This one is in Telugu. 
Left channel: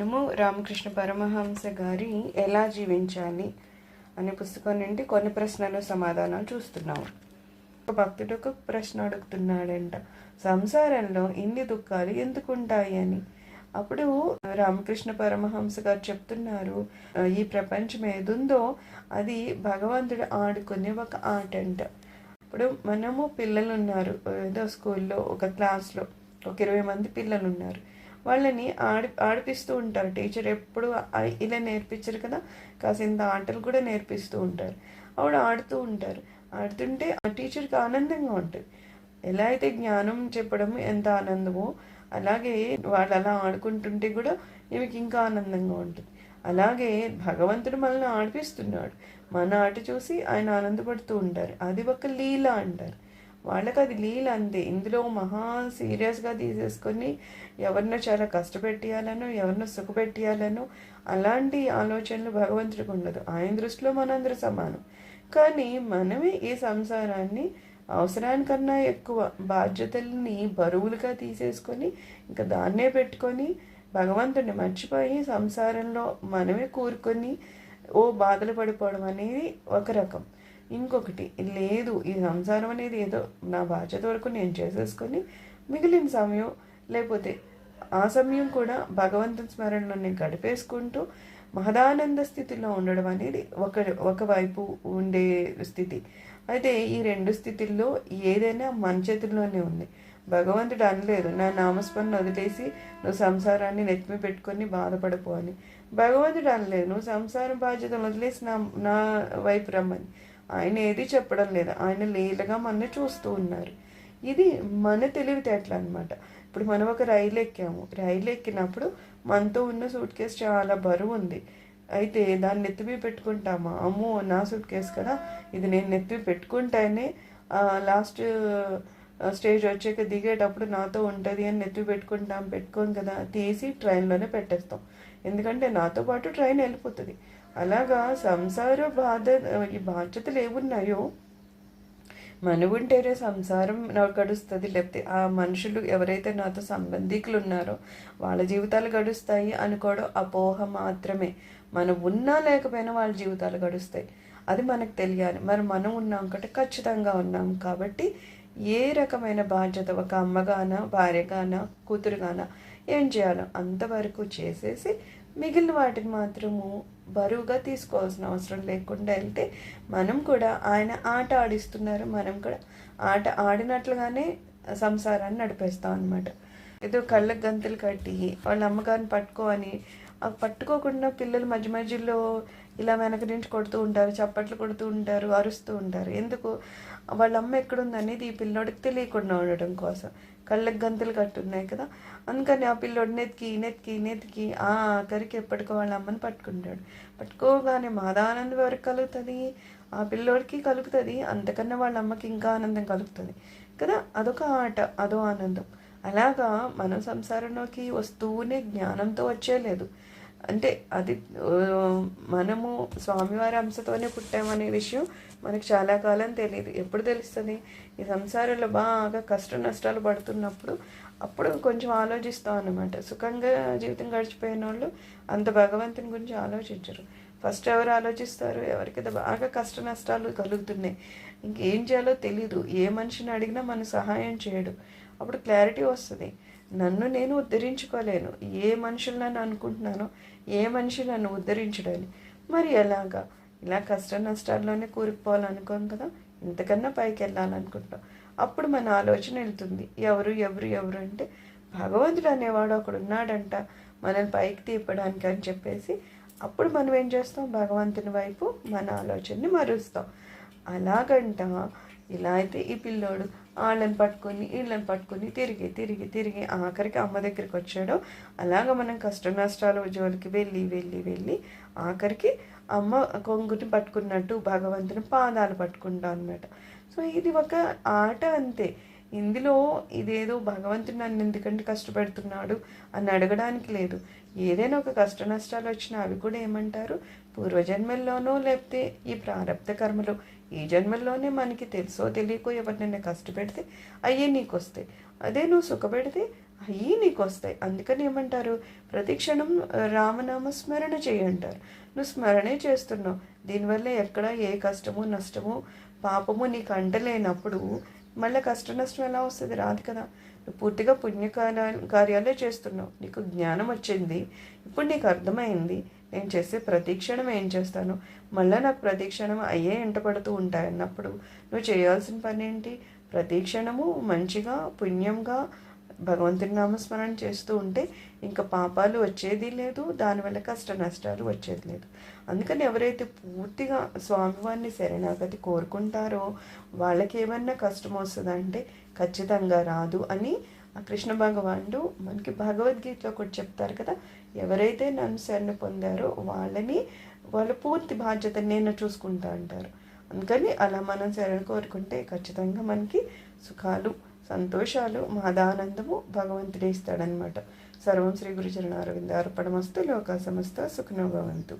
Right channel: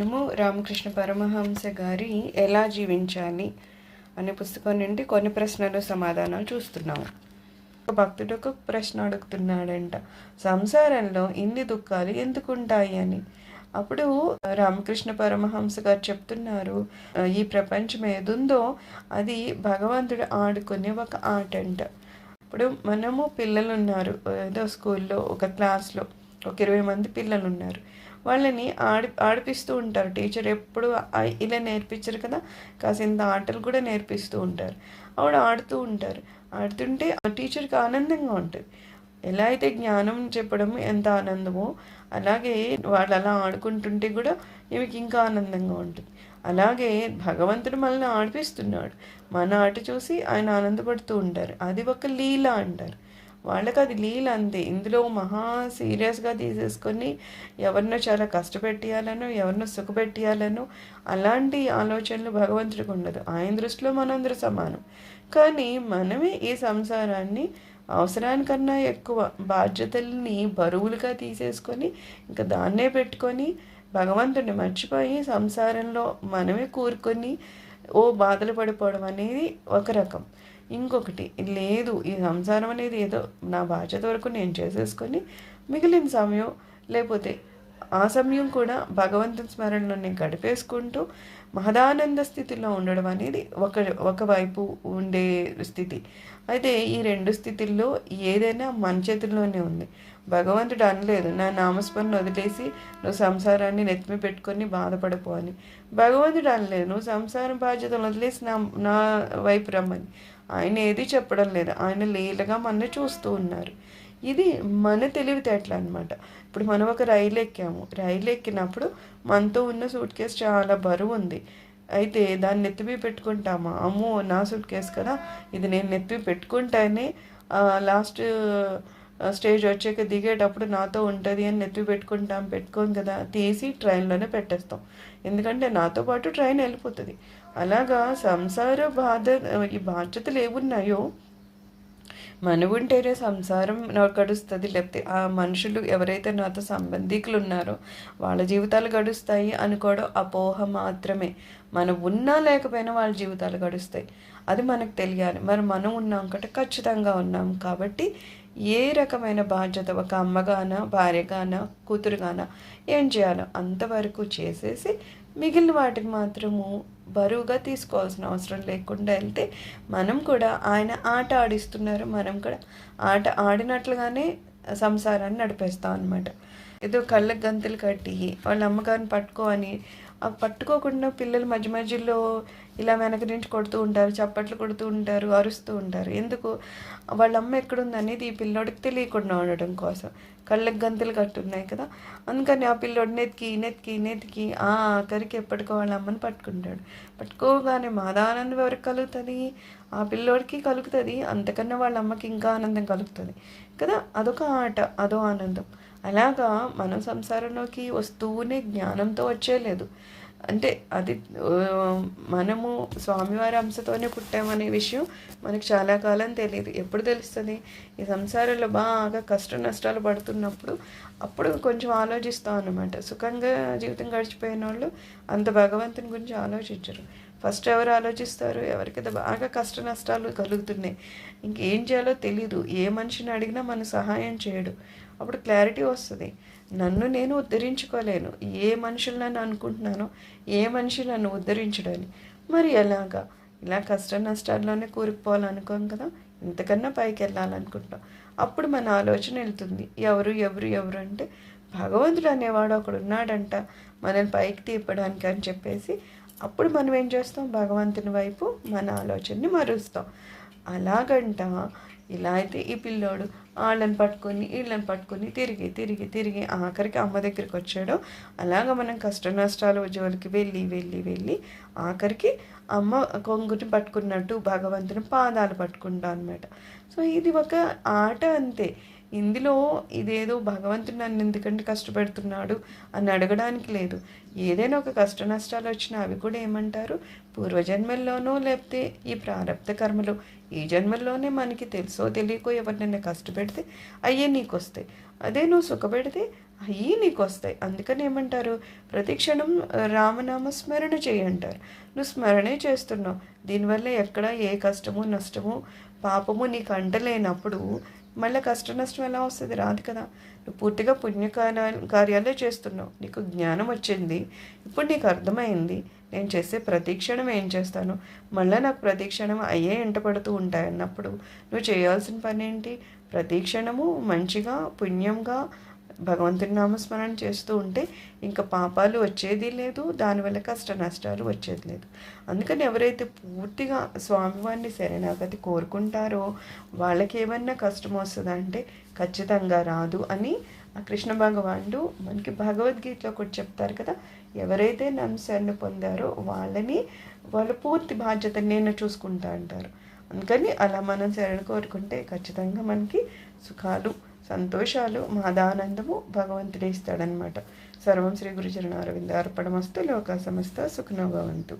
మనము రామకృష్ణ పరమహంస గారి ఎలా జీవించాలి అనే పుస్తకం నుండి కొన్ని ప్రశ్నలు సమాధానాలు చూస్తున్నాము. ఒక భక్తుడు ఒక ప్రశ్న అడుగుతున్నాడంట, సంసారంలో ఇన్ని దుఃఖాలు ఎందుకుంటాయి అని. అప్పుడు రామకృష్ణ పరమహంస గారు చెప్తున్నారు, ఈ ప్రపంచం ఏదుందో అది భగవంతుడు ఆడుకునే ఒక ఆట అంట. ఇప్పుడు మనము పిల్లలు ఉన్నారు, ఏదో స్కూల్లో ఒక క్లాస్లో ఒక 20 మంది పిల్లలు ఉన్నారు. వాళ్ళని ఆడిపిస్తూ ఉంటారు. టీచర్ ఎప్పుడు ఇలా నేర్పించరు కదా, కాసింత ఆటలు కూడా నేర్పిస్తూ ఉంటారు. ఆవిడ ఆడుతూ ఉంటారు. ఆడుతుంటే ఆ టీచర్కి ఆనందంగా ఉంటుంది. ఎలా అయితే జ్ఞానం చెప్పడం ఎంత ఆనందమో, అలాగే వాళ్ళు అలా ఆడుకుంటుంటే కూడా ఈమెకి ఇంకా ఆనందంగా ఉంటుంది. అలాగే భగవంతుడు మనల్ని ఆడిపిస్తున్నాడు. మన ఆట చూసి ఆయన ఆనందపడుతూ ఉంటారు. అది ఒక లీల అంటారు. వాళ్ళకి అది లీల అంతే. ఇందులో మహా సీరియస్గా తీసేసుకొని ఎవరినో చాలా కష్టపెట్టియాలనో ఎవరినో సుఖపెట్టియాలనో అలాంటి ఆలోచనలు భగవంతుడికి ఉండదు. ఆయన దృష్టిలో మనందరూ సమానం. కానీ మనమే ఈ సంసారాన్ని అవసరానికన్నా ఎక్కువ బాధ్యతల్ని బరువులుగా తీసేసుకొని ఇంకా దాన్నే పెట్టుకొని భగవంతుడిని మర్చిపోయి సంసారంలో మనమే కూరుకొని బాధలు పడిపోవడం అనేది ఒక రకం. ఇంకొకటి లేదు, ఈ సంసారం అనేది ఏదో నా బాధ్యత వరకు నేను చేసేసుకొని మిగిలిన సమయం లేకపోతే ఆ సమయం కూడా భగవంతుని స్మరణలో నేను గడిపేసుకుంటూ మహదానంద స్థితిలో ఉండడం అనేది ఒకవైపు ఉండే స్థితి. అయితే ఈ రెండు స్థితిల్లో ఏదైనా మన చేతుల్లోనే ఉంది. భగవంతుడు అనలేదు, నా నామస్మరణ వదిలేసి నువ్వు సంసారాన్ని నెత్తిమి పెట్టుకొని బాధపడిపో అని. భగవంతుడు అనలేదు, నువ్వు సంసారం బాధ్యతలు వదిలేసి నా వైపు రమ్మని. ఆయన ఏది చెప్పడం లేదు. ఆయన లీలగా మన చూస్తూ ఉన్నారు. ఇది మన తెలివితేటలు అనమాట. ఇప్పుడు మనం ఒక రైలు ఎక్కాము. రైలు ఎక్కినప్పుడు మనతో ఉన్న సూట్ కేసు చాలా బరువు ఉంది. అయితే దాన్ని నెత్తిపి పెట్టుకుంటామా, అమ్మో నా సూట్ కేసు కదా, ఇది నేను నెత్తిపి పెట్టుకుంటానే లాస్ట్ స్టేజ్ వచ్చాక దిగేటప్పుడు నాతో ఉంటుంది అని నెత్తిపి పెట్టుకోం కదా, తీసి ట్రైన్లోనే పెట్టేస్తాం. ఎందుకంటే నాతో పాటు ట్రైన్ వెళ్ళిపోతుంది. అలాగా సంసార ఈ బాధ్యతలు ఏమున్నాయో మనవుంటేనే సంసారం గడుస్తుంది. లేకపోతే ఆ మనుషులు ఎవరైతే నాతో సంబంధికులు ఉన్నారో వాళ్ళ జీవితాలు గడుస్తాయి అనుకోవడం అపోహ మాత్రమే. మనం ఉన్నా లేకపోయినా వాళ్ళ జీవితాలు గడుస్తాయి. అది మనకు తెలియాలి. మనం ఉన్నాం అంటే ఖచ్చితంగా ఉన్నాం కాబట్టి ఏ రకమైన బాధ్యత ఒక అమ్మగాన, భార్యగాన, కూతురుగాన ఏం చేయాలో అంతవరకు చేసేసి మిగిలిన వాటికి మాత్రము బరువుగా తీసుకోవాల్సిన అవసరం లేకుండా వెళ్తే మనం కూడా ఆయన ఆట ఆడిస్తున్నారు, మనం కూడా ఆట ఆడినట్లుగానే సంసారాన్ని నడిపేస్తాం అనమాట. ఏదో కళ్ళకి గంతులు కట్టి వాళ్ళ అమ్మగారిని పట్టుకోని పట్టుకోకుండా పిల్లలు మధ్య మధ్యలో ఇలా వెనక నుంచి కొడుతూ ఉంటారు, చప్పట్లు కొడుతూ ఉంటారు, అరుస్తూ ఉంటారు. ఎందుకు? వాళ్ళ అమ్మ ఎక్కడుంది అనేది ఈ పిల్లోడికి తెలియకుండా ఉండడం కోసం. కళ్ళకి గంతులు కట్టున్నాయి కదా, అందుకని ఆ పిల్లోడు నెత్తికి ఆఖరికి ఎప్పటికో వాళ్ళ అమ్మని పట్టుకుంటాడు. పట్టుకోగానే మాదానందం ఎవరికి కలుగుతుంది? ఆ పిల్లోడికి కలుగుతుంది. అంతకన్నా వాళ్ళ అమ్మకి ఇంకా ఆనందం కలుగుతుంది కదా. అదొక ఆట, అదో ఆనందం. అలాగా మనం సంసారంలోకి వస్తూనే జ్ఞానంతో వచ్చేలేదు. అంటే అది మనము స్వామివారి అంశతోనే పుట్టామనే విషయం మనకు చాలా కాలం తెలియదు. ఎప్పుడు తెలుస్తుంది? ఈ సంసారంలో బాగా కష్ట నష్టాలు పడుతున్నప్పుడు అప్పుడు కొంచెం ఆలోచిస్తాం అన్నమాట. సుఖంగా జీవితం గడిచిపోయిన వాళ్ళు అంత భగవంతుని గురించి ఆలోచించరు. ఫస్ట్ ఎవరు ఆలోచిస్తారు? ఎవరికైతే బాగా కష్ట నష్టాలు కలుగుతున్నాయి, ఇంకేం చేయాలో తెలీదు, ఏ మనిషిని అడిగినా మన సహాయం చేయడు. అప్పుడు క్లారిటీ వస్తుంది. నన్ను నేను ఉద్ధరించుకోలేను, ఏ మనుషులు నన్ను అనుకుంటున్నానో ఏ మనిషి నన్ను ఉద్ధరించడని. మరి ఎలాగా? ఇలా కష్ట నష్టాల్లోనే కూరుకుపోవాలనుకోం కదా, ఇంతకన్నా పైకి వెళ్ళాలనుకుంటాం. అప్పుడు మన ఆలోచన వెళ్తుంది, ఎవరు ఎవరు ఎవరు అంటే భగవంతుడు అనేవాడు ఒకడు ఉన్నాడంట మనల్ని పైకి తీపడానికి అని చెప్పేసి అప్పుడు మనం ఏం చేస్తాం? భగవంతుని వైపు మన ఆలోచనని మరుస్తాం. అలాగంట ఇలా అయితే ఈ పిల్లోడు వాళ్ళని పట్టుకొని వీళ్ళని పట్టుకొని తిరిగి ఆఖరికి అమ్మ దగ్గరికి వచ్చాడు. అలాగ మనం కష్ట నష్టాల జోలికి వెళ్ళి ఆఖరికి అమ్మ కొంగుని పట్టుకున్నట్టు భగవంతుని పాదాలు పట్టుకుంటా అనమాట. సో ఇది ఒక ఆట అంతే. ఇందులో ఇదేదో భగవంతుడు నన్ను ఎందుకంటే కష్టపెడుతున్నాడు అని అడగడానికి లేదు. ఏదైనా ఒక కష్ట నష్టాలు వచ్చినా అవి కూడా ఏమంటారు? పూర్వజన్మల్లోనో లేకపోతే ఈ ప్రారబ్ధ కర్మలో ఈ జన్మల్లోనే మనకి తెలుసో తెలియకో ఎవరినైనా కష్టపెడితే అయ్యే నీకు వస్తాయి. అదే నువ్వు సుఖపెడితే అవి నీకు వస్తాయి. అందుకని ఏమంటారు, ప్రతిక్షణం రామనామ స్మరణ చేయంటారు. నువ్వు స్మరణే చేస్తున్నావు. దీనివల్ల ఎక్కడ ఏ కష్టము నష్టము పాపము నీకు అంటలేనప్పుడు మళ్ళీ కష్ట నష్టం ఎలా వస్తుంది? రాదు కదా. నువ్వు పూర్తిగా కార్యాలే చేస్తున్నావు. నీకు జ్ఞానం వచ్చింది, ఇప్పుడు నీకు అర్థమైంది నేను చేసే ప్రతిక్షణం ఏం చేస్తాను, మళ్ళీ నాకు ప్రతిక్షణం అయ్యే ఎంట పడుతూ ఉంటాయి అన్నప్పుడు నువ్వు చేయాల్సిన పని ఏంటి? ప్రతిక్షణము మంచిగా పుణ్యంగా భగవంతుని నామస్మరణ చేస్తూ ఉంటే ఇంకా పాపాలు వచ్చేది లేదు, దానివల్ల కష్ట నష్టాలు వచ్చేది లేదు. అందుకని ఎవరైతే పూర్తిగా స్వామివారిని శరణాగతి కోరుకుంటారో వాళ్ళకి ఏమన్నా కష్టం వస్తుందా అంటే ఖచ్చితంగా రాదు అని ఆ కృష్ణ భగవానుడు మనకి భగవద్గీతలో కూడా చెప్తారు కదా. ఎవరైతే నన్ను శరణ పొందారో వాళ్ళ పూర్తి బాధ్యత నేను చూసుకుంటా అంటారు. అందుకని అలా మనం శరణ కోరుకుంటే ఖచ్చితంగా మనకి సుఖాలు సంతోషాలు మాదానందము భగవంతుడే ఇస్తాడనమాట. సర్వం శ్రీ గురుచరణ అరవింద అర్పణమస్తు. లోకా సమస్త సుఖినో భవంతు.